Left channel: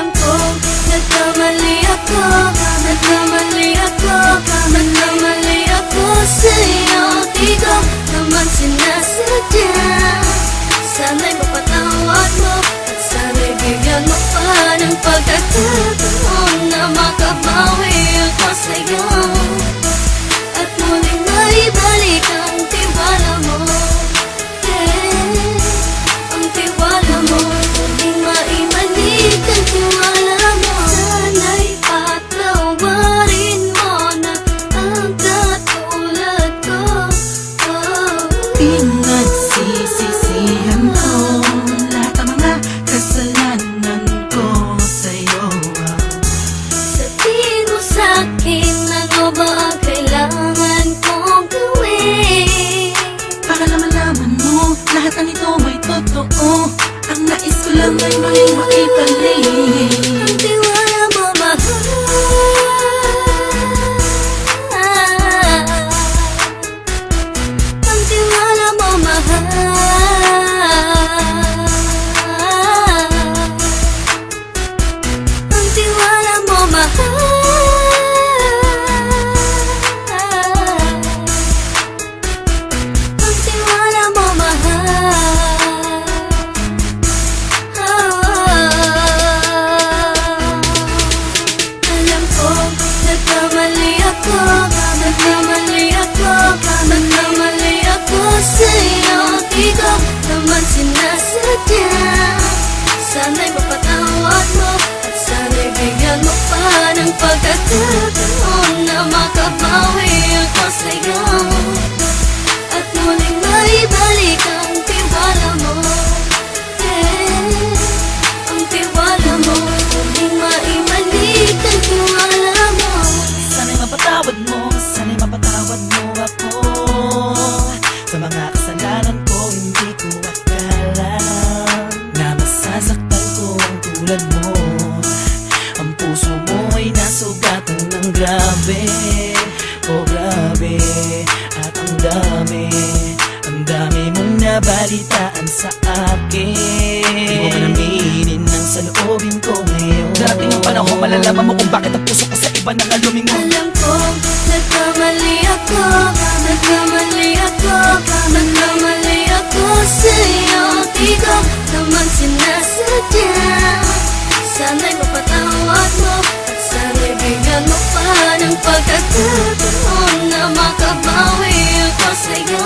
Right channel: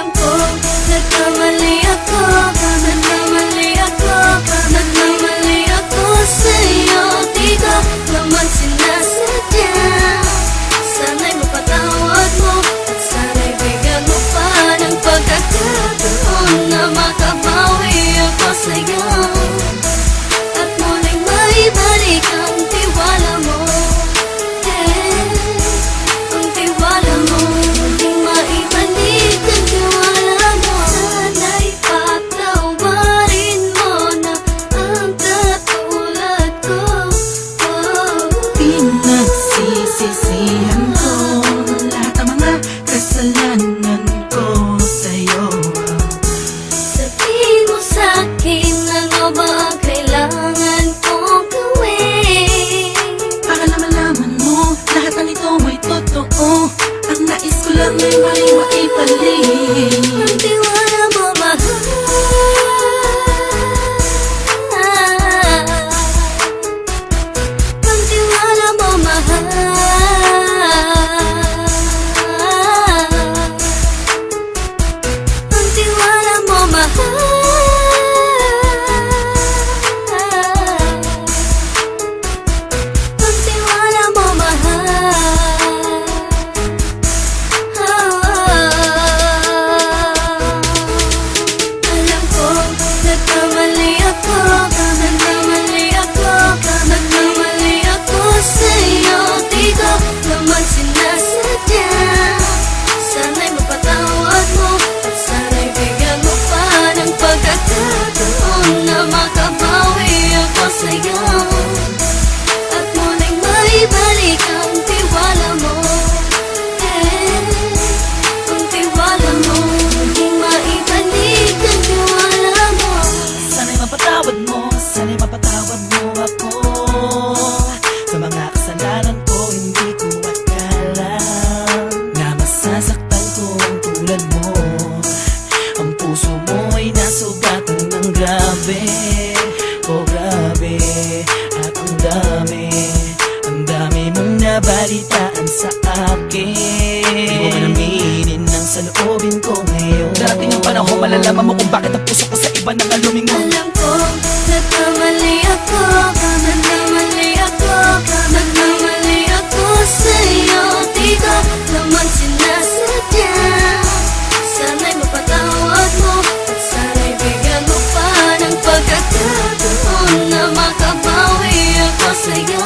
Alam ko, nagkamali ako, nagkamali ako, nagkamali ako sa'yo. Di ko naman sinasadya. Sana'y mapatawad mo at sana'y bigyan mo pa ng pagkakataon na makabawi ako sa'yo at muling maibalik ang tiwala mo. Ang tiwala mo, muling maibalik ang tiwala mo. Sana'y patawarin mo na ang katulad ko. Pinagsisisihan ko lahat ng mga kasalanan ko sa'yo. Sabihin mo sa'kin ano ba kailangan kong gawin Para malaman mo lahat ng ito ay totoo. Ang nais ko lang ay maibalik ang tiwala mo, mahal. Ang tiwala mo, mahal. Ang tiwala mo, mahal. Ang tiwala mo, mahal. Alam ko, nagkamali ako, nagkamali ako, nagkamali ako sa'yo. Di ko naman sinasadya. Sana'y mapatawad mo at sana'y bigyan mo pa ng pagkakataon na makabawi ako sa'yo at muling maibalik ang tiwala mo. Ang tiwala mo, muling maibalik ang tiwala mo. Sana'y mapatawad mo, sana'y mapatawad mo ako sa mga kasalanan ko. Hindi ko akala na masasaktan ko ang tulad mo. Ang puso mo ay nasugatan ng grabe, oh grabe. At ang dami mong nabalitaan sa akin. Di mo man aminin ang saloobin ko ngayon. Darating ang panahon, malalaman mo kung bakit ang puso ko sa iba nang alumingon. Alam ko, nagkamali ako, nagkamali ako, nagkamali ako sa'yo. Di ko naman sinasadya. Sana'y mapatawad mo at sana'y bigyan mo pa ng pagkakataon na makabawi ako sa'yo